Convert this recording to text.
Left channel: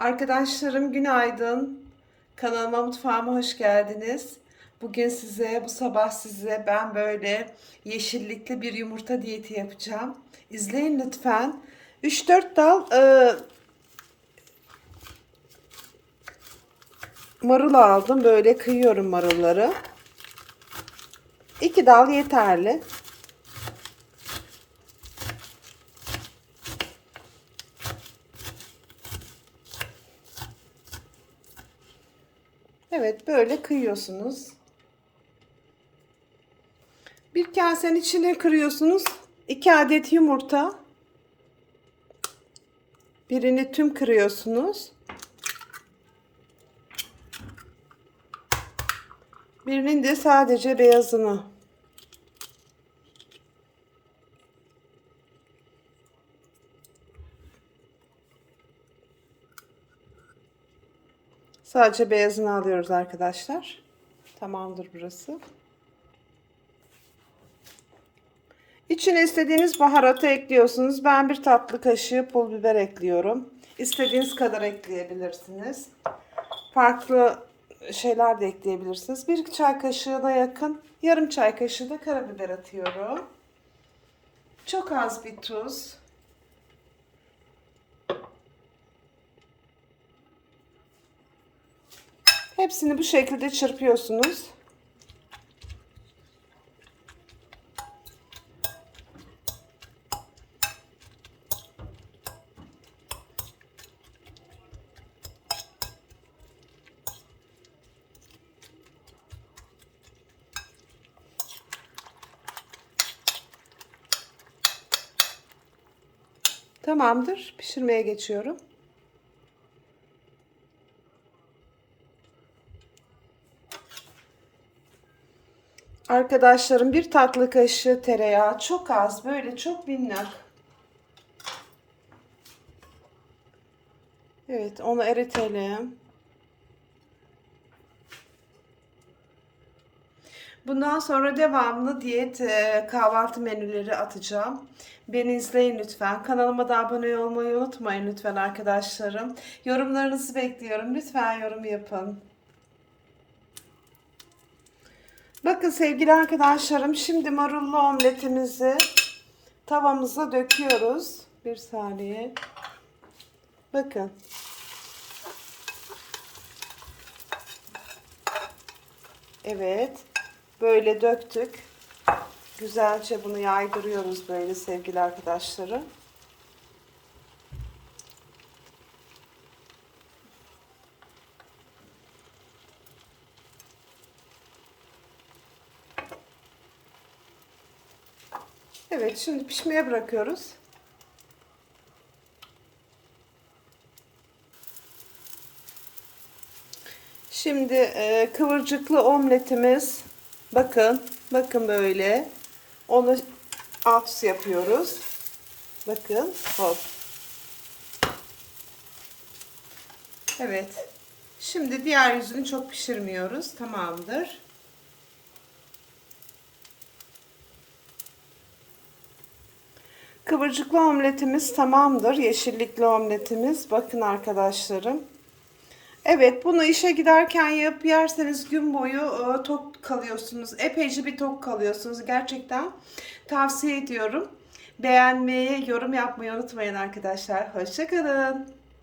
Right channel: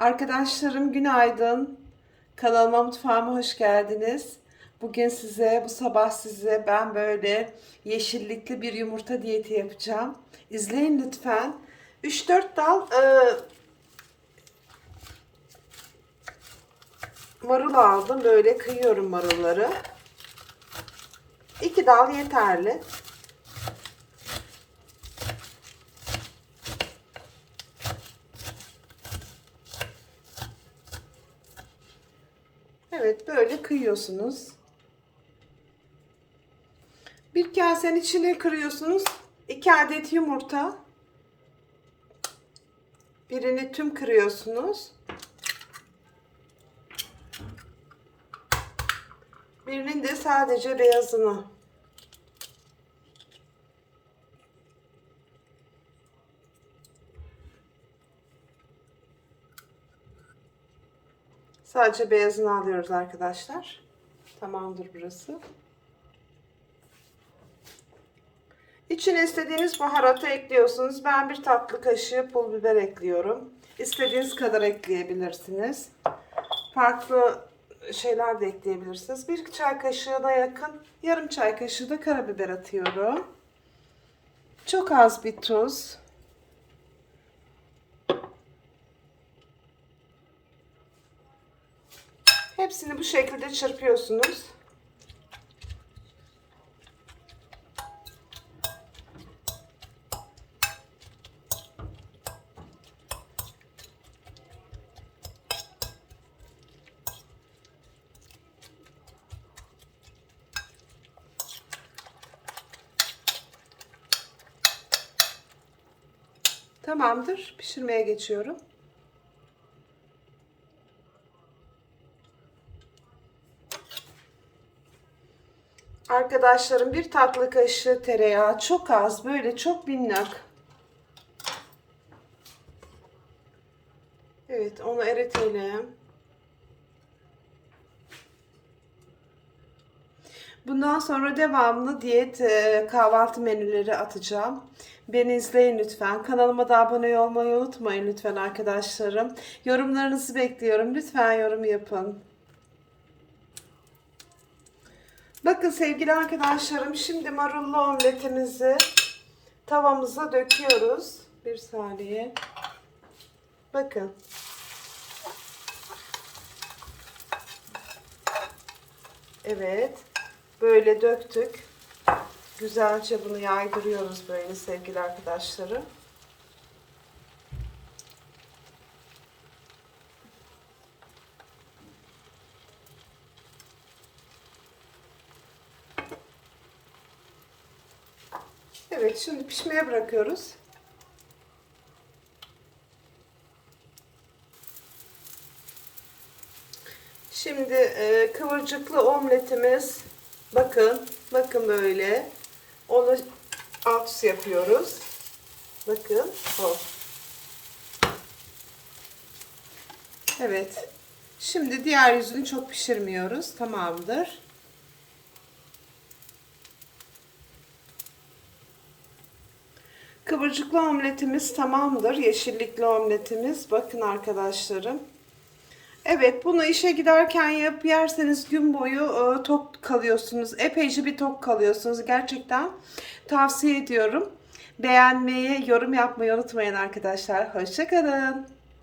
Arkadaşlarım günaydın. Kanalıma mutfağıma hoş geldiniz. Bugün size bu sabah size ben böyle yeşillikli bir yumurta diyeti yapacağım. İzleyin lütfen. 3-4 dal e, marul aldım. Böyle kıyıyorum marulları. 2 dal yeterli. Evet böyle kıyıyorsunuz. Bir kasenin içine kırıyorsunuz. 2 adet yumurta. Birini tüm kırıyorsunuz. Birinin de sadece beyazını. Sadece beyazını alıyoruz arkadaşlar. Tamamdır burası. İçine istediğiniz baharatı ekliyorsunuz. Ben bir tatlı kaşığı pul biber ekliyorum. İstediğiniz kadar ekleyebilirsiniz. Farklı şeyler de ekleyebilirsiniz. Bir çay kaşığına yakın yarım çay kaşığı da karabiber atıyorum. Çok az bir tuz. Hepsini bu şekilde çırpıyorsunuz. Tamamdır. Pişirmeye geçiyorum. Arkadaşlarım bir tatlı kaşığı tereyağı çok az böyle çok minnak. Evet onu eritelim. Bundan sonra devamlı diyet e, kahvaltı menüleri atacağım. Beni izleyin lütfen. Kanalıma da abone olmayı unutmayın lütfen arkadaşlarım. Yorumlarınızı bekliyorum. Lütfen yorum yapın. Bakın sevgili arkadaşlarım şimdi marullu omletimizi tavamıza döküyoruz. Bir saniye. Bakın. Evet. Böyle döktük. Güzelce bunu yaydırıyoruz böyle sevgili arkadaşlarım. Evet şimdi pişmeye bırakıyoruz. Şimdi e, kıvırcıklı omletimiz bakın bakın böyle onu alt yapıyoruz. Bakın hop. Evet. Şimdi diğer yüzünü çok pişirmiyoruz. Tamamdır. Kıvırcıklı omletimiz tamamdır. Yeşillikli omletimiz. Bakın arkadaşlarım. Evet bunu işe giderken yap yerseniz gün boyu e, tok kalıyorsunuz. Epeyce bir tok kalıyorsunuz. Gerçekten tavsiye ediyorum. Beğenmeyi, yorum yapmayı unutmayın arkadaşlar. Hoşçakalın.